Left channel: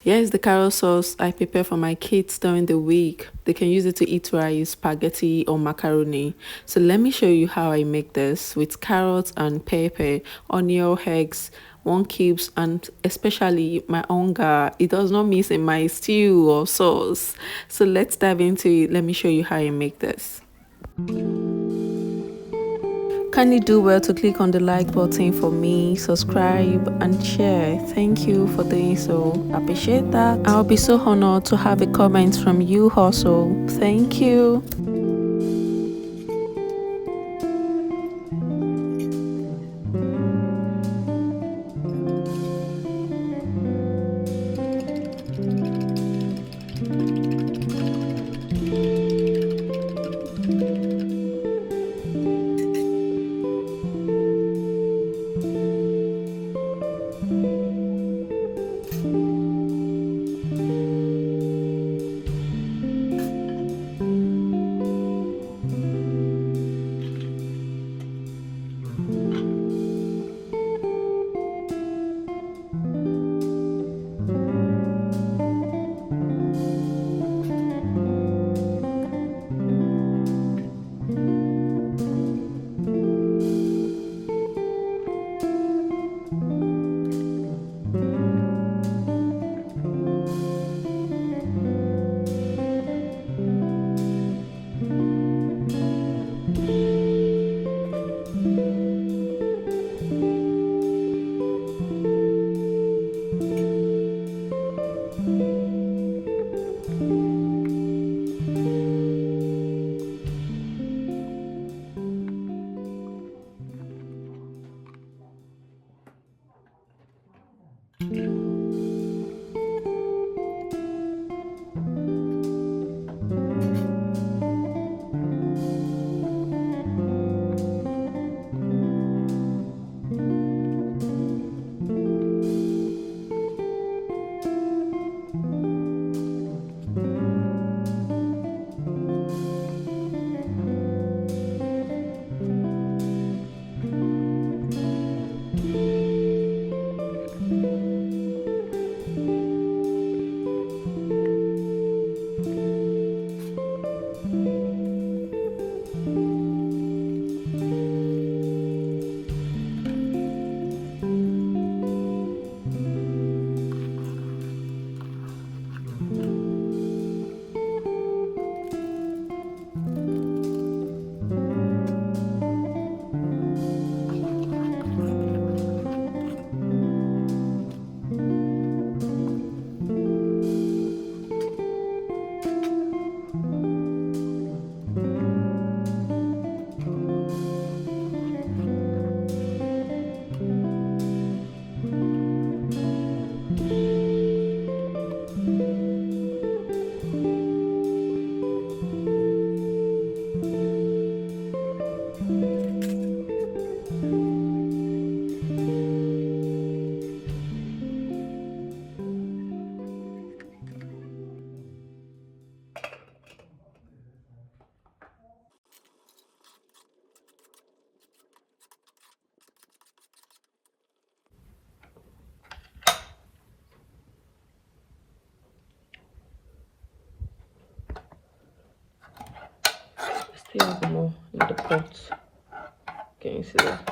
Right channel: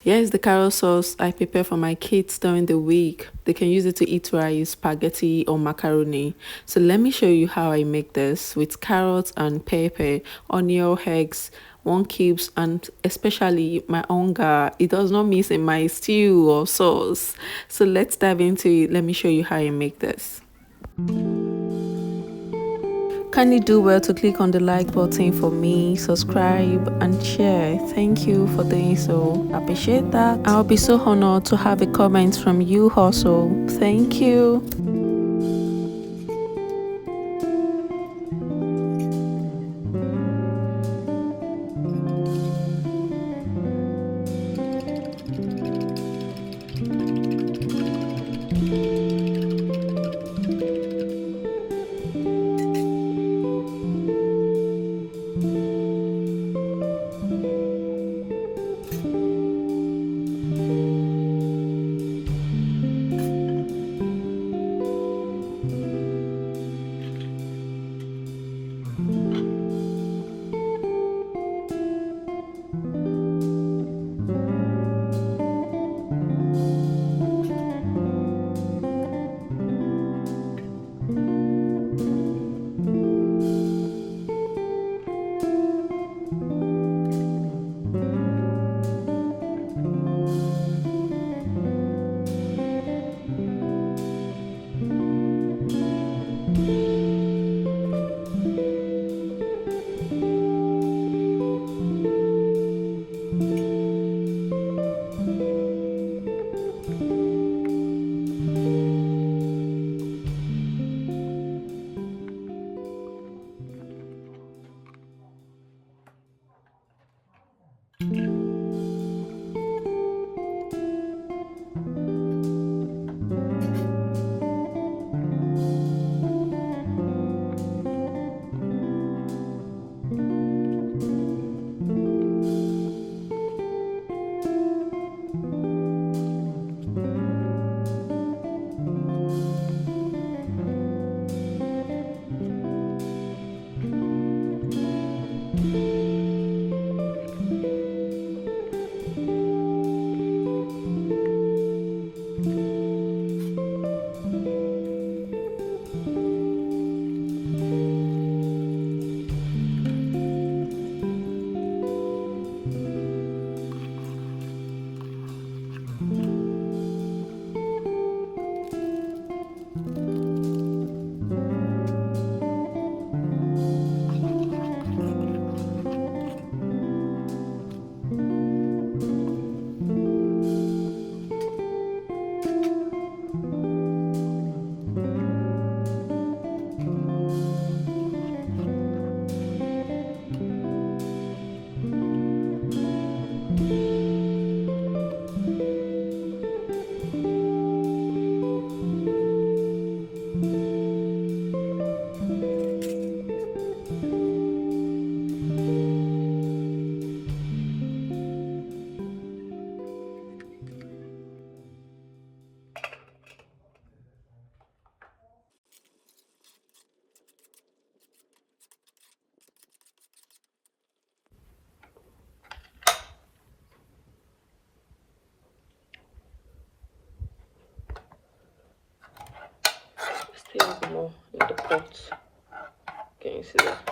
Here's the carrot sauce I prepare for my kids during the week. They can use it to eat rice, spaghetti, or macaroni. So let me show you how I make this with carrots and pepper, onion, eggs, one cubes, and especially my onga. It does not miss in my stew or sauce. So let's dive into it. Let me show you how I make this. Kindly do well to click on the like button for me, subscribe and share. Thank you for doing so. Appreciate that. I'll be so honored to have a comment from you also. Thank you. Still more in the pot. Can you see that?